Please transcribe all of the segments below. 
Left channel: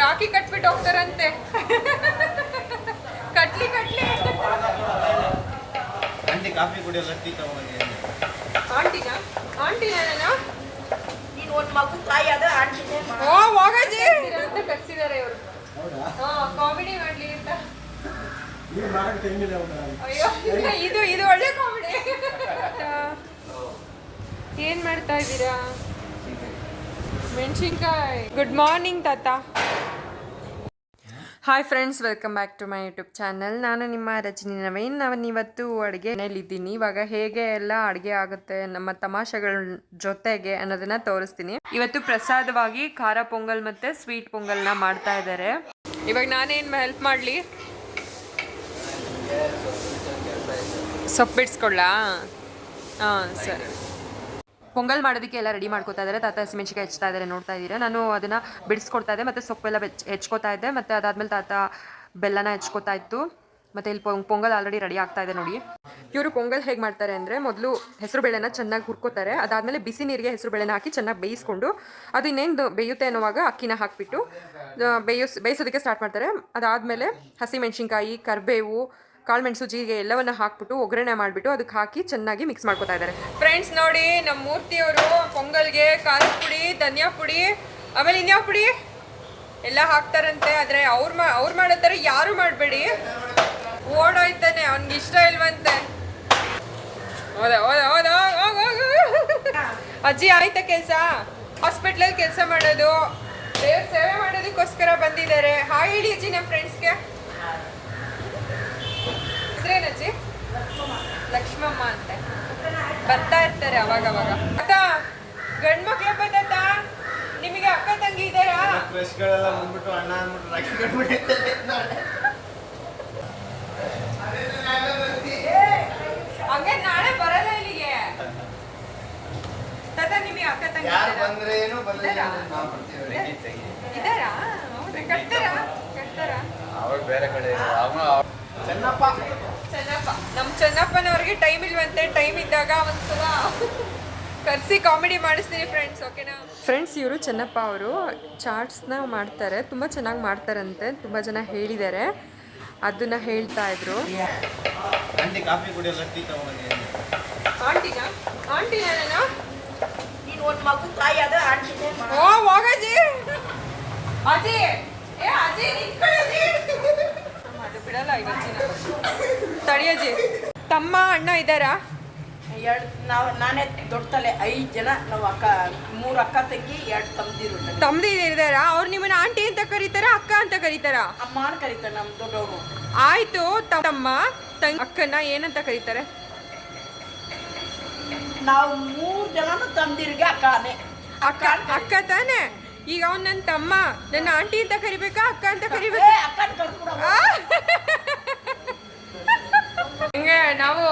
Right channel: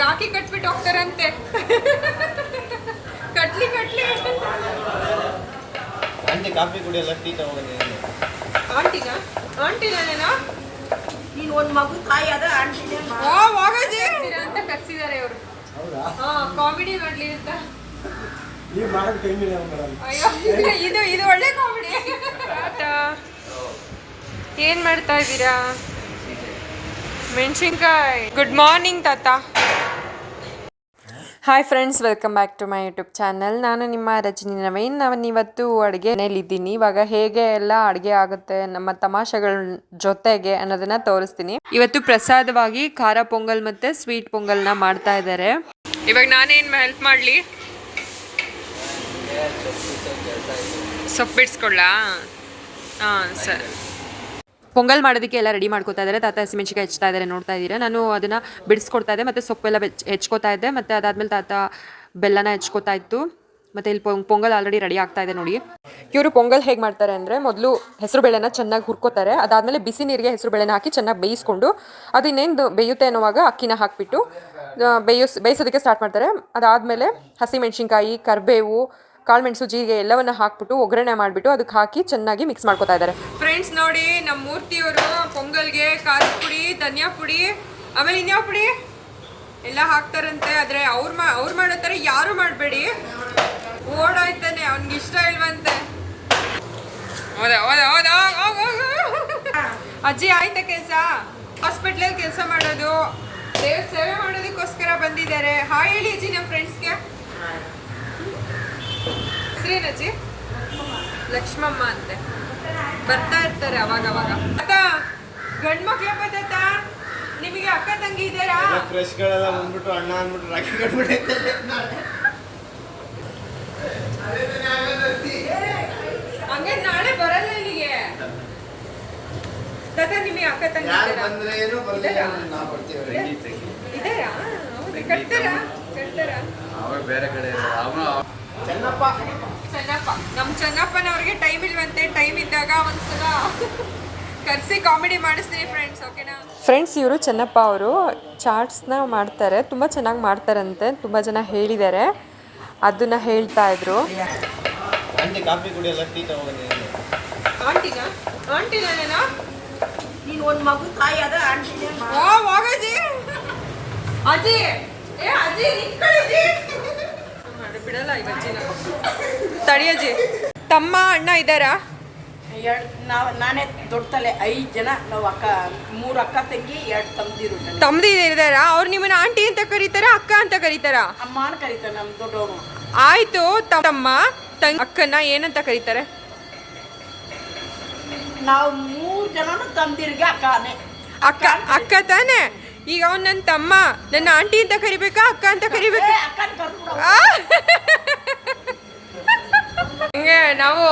ರಾಖಿ ಕಟ್ಬಿಟ್ಟು ಹೋಗ್ತಾರಂತೆ. ಕಟ್ಲಿ aunty coffee ಕುಡಿಯಲ್ಲ, ಟೀ ತಗೊಂಡು. ಆಂಟಿ ನಾನೇನಾ? ನೀನು ಒಂದು ಮಗು ತಾಯಿ ಅದ ಆಂಟಿನೇ ಹೋಗಜಿ ಅಂತ ಕರ್ಸಿದ್ದಾರೆ ಇವರು. ಕಾಮಿಡಿ ಮಾಡ್ಲಿ ಅಂತ. ಅಯ್ಯೋ ಇದು ಒಳ್ಳೆ ಕಾಮಿಡಿ. ಏನ್ ಮಾಡ್ತಾ ಇದ್ದೀರಾ? ಮೆಣಸಿನ್ಕಾಯಿ. ಗುಡ್ ಮಾರ್ನಿಂಗ್ ತಾತ. Hi friends, welcome back to my YouTube channel. ನಾನು ನಿಮ್ಮ ರಜನಿ ನವೀನ್. ಇವತ್ತು ಅಡುಗೆ ಮನೇಲಿದ್ದೀನಿ. ಇವಾಗ ಹೇಗೆ ಎಲ್ಲ ಅಡುಗೆ ಆಗುತ್ತೆ ನಮ್ಮ ತಮಾಷೆಗಳ ಜೊತೆಗೆ ಅನ್ನೋದನ್ನ ತೋರಿಸ್ತೀನಿ. ಇವತ್ತು ಪ್ರಸಾದವಾಗಿ ಖಾರ ಪೊಂಗಲ್ ಮತ್ತು ಸ್ವೀಟ್ ಪೊಂಗಲ್ನ ಮಾಡ್ತಾ ಇದ್ದಾರೆ. ಇವಾಗ ನಾನೇನು ಹೆಲ್ಪ್ ಮಾಡಲಿ? ಸೊಪ್ಪು ಬಿಡಿಸ್ಕೊಳ್ಳಾ? ಹಾಂ ಸರಿ. ಪೊಂಗಲ್ ಮಾಡೋದಕ್ಕೆ ಎಲ್ಲ ರೆಡಿ ಮಾಡ್ಕೊತಾ ಇದ್ದಾರೆ. ತಾತ ಹಸಿಮೆಣ್ಸಿಕಾಯಿ ಹೆಚ್ಚ್ತಾ ಇದ್ದಾರೆ, ನೋಡ್ತಾ ಇದ್ದೀರಾ. ನಾನು ಅದನ್ನು ಬಿಡಿಸ್ಕೊಡ್ತಾ ಇದ್ದೆ ಮತ್ತು ಸೊಪ್ಪೆಲ್ಲ ಹೆಚ್ಕೋತಾ ಇದ್ದೆ. ಮತ್ತು ಅದಾದಮೇಲೆ ತಾತ ಬೆಲ್ಲನ ಹೆಚ್ಕೋತಾ ಇತ್ತು. ಮತ್ತು ಇಲ್ಲಿ ಪೊಂಗಲ್ ಆಲ್ರೆಡಿ ರೆಡಿ ಆಗ್ತಾ ಇದೆ ನೋಡಿ. ಇವರು ಪೊಂಗಲ್ ಹೇಗೆ ಮಾಡ್ತಾರೆ ಅಂದರೆ, ಮೊದಲು ಹೆಸರು ಬೇಳೆನ ಚೆನ್ನಾಗಿ ಹುರ್ಕೋತಾರೆ. ಅದಾದಮೇಲೆ ಬಿಸಿ ನೀರಿಗೆ ಹೆಸರು ಬೇಳೆನ ಹಾಕಿ ಚೆನ್ನಾಗಿ ಬೇಯಿಸ್ಕೊಂಡು ಅದು ಇನ್ನೇನು ಬೇಯುತ್ತೆ ಅನ್ನೋವಾಗ ಅಕ್ಕಿನ ಹಾಕಿಬಿಟ್ಟು ಬೇಯಿಸೋದಕ್ಕೆ ಸ್ಟಾರ್ಟ್ ಮಾಡ್ತಾರೆ. ಅದಾದಮೇಲೆ ಹಸಿಮೆಣ್ಸಿನ್ಕಾಯಿ, ಕರಿಬೇವು, ಕಾಳುಮೆಣಸು, ಜೀರಿಗೆ ಎಲ್ಲವನ್ನ ಹಾಕ್ಬಿಟ್ಟು ಒಗ್ಗರಣೆ ಮಾಡಿಬಿಟ್ಟು ಅದಕ್ಕೆ ಹಾಕಿ ಚೆನ್ನಾಗಿ ಮಿಕ್ಸ್ ಮಾಡ್ಕೊತಾ ಇದ್ದಾರೆ. ಫ್ರೆಂಡ್ಸ್ ನೋಡಿ, ನಮ್ಮ ಮೂರ್ತಿಯವರು ಪೊಂಗಲ್ಗೆ ಖಾರದ ಪುಡಿ, ಧನಿಯಾ ಪುಡಿ, ಆಮೇಲೆ ಇನ್ಯಾವ ಪುಡಿ ಎಲ್ಲ ಹಾಕ್ತಾರಂತೆ. ಆದರೆ ಅವ್ರು ಮಾಡೋ ಥರ ಯಾರು ಮಾಡಬೇಡಿ, ಓಡೋಯ್ತಾನೆ, ಅವ್ನಿಗೆ ಇಷ್ಟ ಇಲ್ವಂತೆ. ಅಜ್ಜಿ ಆಯ್ತಾ ಕೆಲಸ? ಹಾಸ್ಪಿಟ್ಲಲ್ಲಿ ಕೆಲಸ ಮಾಡೋದು, ದೇವ್ರ ಸೇವೆ ಮಾಡೋದಕ್ಕೋಸ್ಕರ ಬಂದಿದ್ದಾರೆ. ಹಾಯ್ ಹೇಳಿ ಅಜ್ಜಿ ನಮ್ಮ ಫ್ರೆಂಡ್ಸ್ಗೆ. ಹೆಸರೇನಜ್ಜಿ? ಲಕ್ಷ್ಮಮ್ಮ ಅಂತ ಬರ್ತಾ ಇರ್ತಾರೆ ಅವಾಗವಾಗ. ಗಂಡು ಮಕ್ಳು ಬತ್ತ ನಿಮಗೆ ಅಕ್ಕ ತಂಗಿ ಇದ್ದಾರಾ? ಫ್ರೆಶ್ಗಳೆಲ್ಲ ಬಂದ್ಬಿಟ್ಟು ಅಣ್ಣ ಅಂದ್ಬಿಟ್ಟು ರಾಖಿ ಕಟ್ಬಿಟ್ಟು ಹಂಗೆ ನಾಳೆ ಬರಲ್ಲ ಇಲ್ಲಿಗೆ. ತಾತ ನಿಮಗೆ ಅಕ್ಕ ತಂಗಿ ಇದ್ದಾರಾ? ಹೌದಾ? ಕಟ್ತಾರಾ? ಚೆನ್ನಪ್ಪ, ನಮ್ಮ ಚೆನ್ನಪ್ಪನವ್ರಿಗೆ ಟೈಮ್ ಇಲ್ವಂತೆ. ಟೈಮ್ ಇದ್ದಾಗ ಒಂದ್ಸಲ ಕರೆಸಿ ಕಾಮಿಡಿ ಮಾಡಿಸ್ತೀನಿ ಫ್ರೆಂಡ್ಸ್, ಓಕೆನಾ? ಫ್ರೆಂಡ್ಸ್, ಇವರು ಚೆನ್ನಪ್ಪ ಅವರು ಚಾಟ್ಸ್ನ ಮಾಡ್ತಾರೆ, ತುಂಬ ಚೆನ್ನಾಗಿ ಮಾಡ್ತಾರಂತೆ. ತುಂಬ ಜನ ಹೇಳಿದ್ದಾರೆ, ಅದನ್ನ ಹೇಳ್ತಾ ಇದ್ರು. ಆಂಟಿ ಕಾಫಿ ಕುಡಿಯಲ್ಲ, ಟೀ ತಗೊಂಡು. ಆಂಟಿ ನಾನೇನಾ? ನೀನು ಒಂದು ಮಗು ತಾಯಿ ಅದ ಆಂಟಿನೇ ಹೋಗಜಿ. ಅಜ್ಜಿ ಅಜ್ಜಿ ನಿಂತ್ಕೊಳ್ಳಿ ಮಾಡಿ ಬಿಡಲ್ಲ ಇವತ್ತಿನ. ತಡಿಯಜ್ಜಿ. ತಮ್ಮ ಅಣ್ಣ ಇದ್ದಾರಾ? ನಾನೇ ದೊಡ್ಡ ತಲೆ. 5 ಜನ ನಾವು. 3 ಅಕ್ಕ ತಂಗಿ, 2 ತಮ್ಮದಿರು ಇದ್ದಾರಾ? ಅವ್ರು ನಿಮ್ಮನ್ನ ಆಂಟಿ ಅಂತ ಕರೀತಾರ, ಅಕ್ಕ ಅಂತ ಕರೀತಾರ? ಅಮ್ಮ ಅಂತ ಕರೀತಾರೆ ನಮ್ಮ ದೊಡ್ಡವರು. ಆಯ್ತು, ತಮ್ಮ ಅಕ್ಕನ ಏನಂತ ಕರೀತಾರೆ? ನಾವು 3 ಜನನು ತಮ್ಮದಿರಿಗೆ ಅಕ್ಕನೇ. ಅಕ್ಕ ತಾನೆ? ಈಗ ಅವ್ನು ನನ್ನ ತಮ್ಮ, ನನ್ನ ಆಂಟಿ ಅಂತ ಕರಿಬೇಕಾ, ಅಕ್ಕ ಅಂತ ಕರಿಬೇಕಾ? ಹಂಗೆ ನಾವು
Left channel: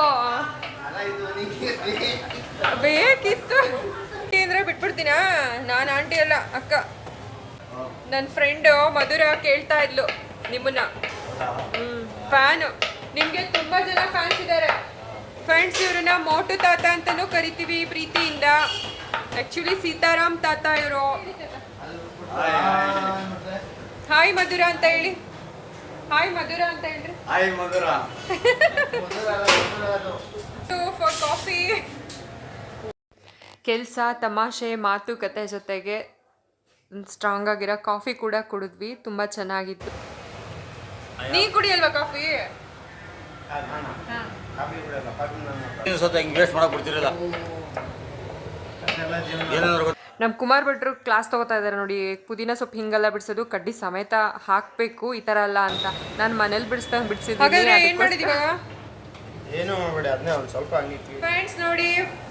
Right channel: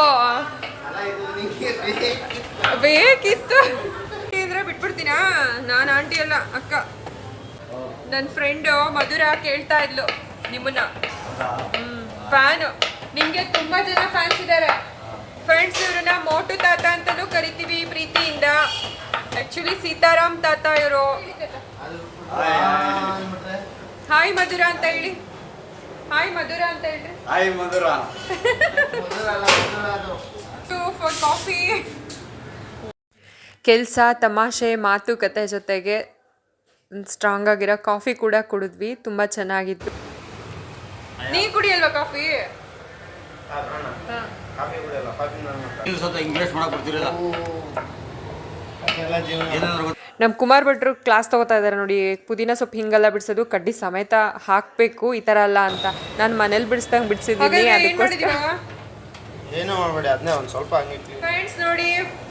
ಬೇಕಿತ್ತು ಅಂದ್ರೆ ಬಿಟ್ಬಿಡ್ತೀನಾ? ನಾನು ಆಂಟಿ ಅಲ್ಲ, ಅಕ್ಕ. ನನ್ನ ಫ್ರೆಂಡು ಮಧುರ ಕೇಳ್ತಾ ಇದ್ಲು ನಿಮ್ಮನ್ನ. ಫ್ಯಾನು. ನಿಮಗೆ ತುಂಬ ಜನ ಫ್ಯಾನ್ಸ್ ಇದ್ದಾರೆ ಫ್ರೆಂಡ್ಸ್. ಇವ್ರನ್ನ ಮೋಟು ತಾತ ಅಂತಲೂ ಕರಿತೀವಿ ಪ್ರೀತಿಯಿಂದ. ಆ್ಯಕ್ಚುಲಿ ಸೀತಾರಾಮ್ ತಾತ ಇವರು. ಹಾಯ್ ಮಧುರ ಅಂತ ಹೇಳಿ. ಹಾಯ್ ಮಧುರ ಅಂತ ಹೇಳ್ರಿ. Hi Madhura. For coffee. ಕೆಲಸ, ತಮಾಷೆ, ಮಾತುಕತೆ ಜೊತೆಗೆ ಸ್ಟ್ರಾಂಗ್ ಆಗಿರೋ ಕಾಫಿ ಕೂಡ ಕುಡಿದ್ವಿ. ತುಂಬ ಚೆನ್ನಾಗಿತ್ತು. ನೀ ಕುಡಿಯಲ್ವಾ ಕಾಫಿ? ನಮ್ಮ ಕುಮಾರ್ ಭಟ್ರು ಕ್ಲಾಸ್ ತಗೋತಾ ಇದ್ದಾರೆ ನೋಡಿ. ಪುದೀನ ಸೊಪ್ಪು ಹಿಂಗೆಲ್ಲ ಬಿಡಿಸೋದು, ಕಡ್ಡಿ ಸಮೇತ ಹಾಕಬೇಕು, ಈ ಥರ ಅಲ್ಲ ಅಂತ. ನಾನು ಮನೇಲಿ ಬಿಡಿಸ್ದಂಗೆ ಬಿಡಿಸಿದ್ದೀನಿ. ಅದಕ್ಕೋಸ್ಕರ ಏನು ಮಾಡಬೇಡಿ, ಅದನ್ನೇ ಒಂದು ಸ್ವಲ್ಪ ಹಂಗೆ. ಫ್ರೆಂಡ್ಸ್ ನೋಡಿ,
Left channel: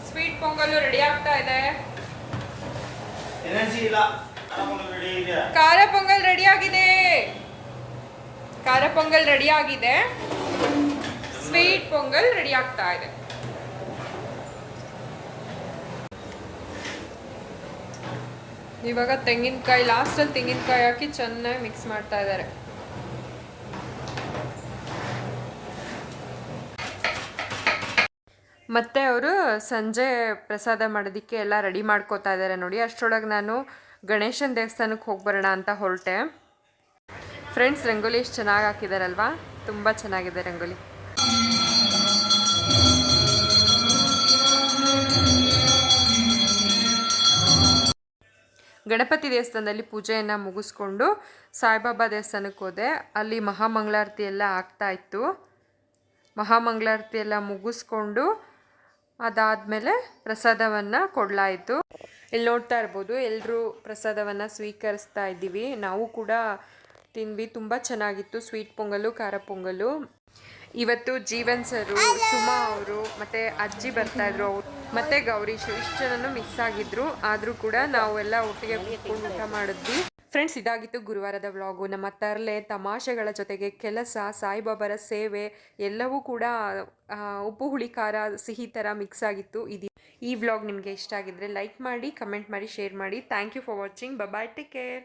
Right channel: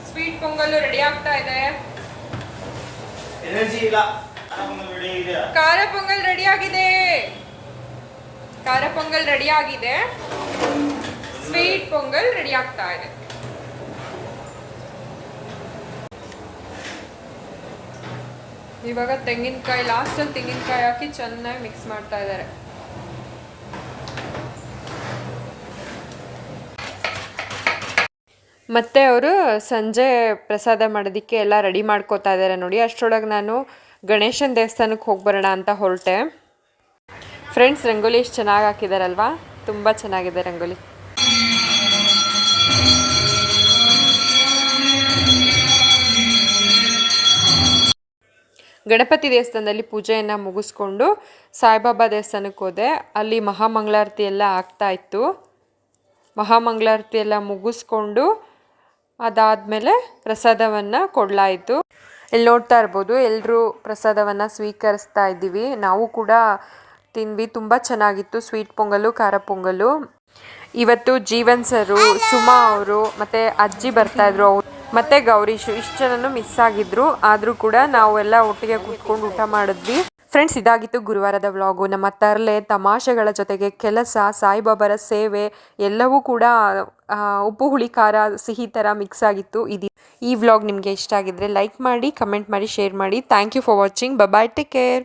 ಸ್ವೀಟ್ ಪೊಂಗಲ್ ರೆಡಿ ಆಗ್ತಾ ಇದೆ. ಎನರ್ಜಿ ಇಲ್ಲ. ಖಾರ ಪೊಂಗಲ್ ರೆಡಿ ಆಗಿದೆ. ಖಾರ ಪೊಂಗಲ್ ರೆಡಿ ಆಗಿದೆ. ಸ್ವೀಟ್ ಪೊಂಗಲ್ ರೆಡಿ ಆಗ್ತಾ ಇದೆ. ಇವಾಗ ತೆಂಗಿನಕಾಯಿ, ಲಾಸ್ಟಲ್ಲಿ ತೆಂಗಿನಕಾಯಿ ಹಾಕಿ ಚೆನ್ನಾಗಿ ಮಿಕ್ಸ್ ಮಾಡ್ತಾ ಇದ್ದಾರೆ. ಮತ್ತು ಅವರು ಸಂಜೆ ಪ್ರಸಾದ ಮಾಡೋದಕ್ಕೆ ಎಲ್ಲ ರೆಡಿ ಮಾಡ್ಕೋತಾ ಇದ್ದಾರೆ ನೋಡಿ. ಅಷ್ಟರೊಳಗೆ ನಾನು ಗಣೇಶನ ದೇವಸ್ಥಾನಕ್ಕೆ ಹೋಗಿ ಬರೋಣ ಅಂತ ಹೊರಟೆ. ಫ್ರೆಂಡ್ಸ್ ರಂಗೋಲಿ ಎಷ್ಟು ಚೆನ್ನಾಗಿ ಹಾಕಿದಾರಲ್ವಾ, ತುಂಬ ಚೆನ್ನಾಗಿದೆ ರಂಗೋಲಿ. ಗಣಪತಿ ದೇವಸ್ಥಾನದಲ್ಲಿ ಪೂಜೆಯನ್ನು ಮುಗಿಸ್ಕೊಂಡು ಸಾಯಿಬಾಬಾ ದೇವಸ್ಥಾನಕ್ಕೆ ಹೋದೆ. ಅಲ್ಲಿ ಮಹಾಮಂಗಳಾರತಿ ಎಲ್ಲ ಆಗ್ತಾ ಇತ್ತು. ಮಹಾಮಂಗಳಾರತಿ ಎಲ್ಲ ಮುಗಿಸ್ಕೊಂಡು ಅದಾದಮೇಲೆ ಪ್ರಸಾದವನ್ನು ಕೊಡಲಾಯಿತು. ಇಲ್ಲಿ ನೋಡ್ತಾ ಇರ್ಬೋದು, ಎಲ್ಲರೂ ಪ್ರಸಾದವನ್ನು ಸ್ವೀಕರಿಸ್ತಾ ಇದ್ದೀವಿ. ನಾವು ಕೂಡ ತಿಂದ್ವಿ. ತುಂಬ ಚೆನ್ನಾಗಿತ್ತು ಸ್ವೀಟ್ ಪೊಂಗಲು, ಖಾರ ಪೊಂಗಲು. ಇವತ್ತು ಜೀವನ್ ಸರು, ಸುಮಾ ಅವರು ಮತ್ತು ಅಜ್ಜಿ ಬರ್ತಾಯಿದ್ರು, ಅವರು ಮತ್ತು ಗೌರೀಶು ಇಷ್ಟು ಜನನು ಮಿಸ್ ಆಗಿದ್ರು. ಆದರೂ ಕೂಡ ನಾವೆಲ್ಲ ಒಟ್ಟಿಗೆ ಕೂತ್ಕೊಂಡು ಊಟ ಮಾಡಿದ್ವಿ. ಫ್ರೆಂಡ್ಸ್, ಇದಾಗಿತ್ತು ಗುರುವಾರದ ವ್ಲಾಗು. ನಮ್ಮ ತರಲೆ ತಮಾಷೆಗಳ ಜೊತೆಗೆ ಕೆಲಸ, ಸಾಯಿಬಾಬಾರ ಸೇವೆ ಎಲ್ಲವೂ ಕೂಡ ಉಪ್ಪು ಹುಳಿ ಖಾರ ಸಿಹಿ ಥರ ಮಿಕ್ಸ್ ಆಗಿತ್ತು. ಈ ವ್ಲಾಗ್ ನಿಮಗೆ ಇಷ್ಟ ಆಗಿದ್ರೆ ಲೈಕ್ ಮಾಡಿ, ಕಮೆಂಟ್ ಮಾಡಿ, ಶೇರ್ ಮಾಡಿ. Thank you for watching. Bye, take care.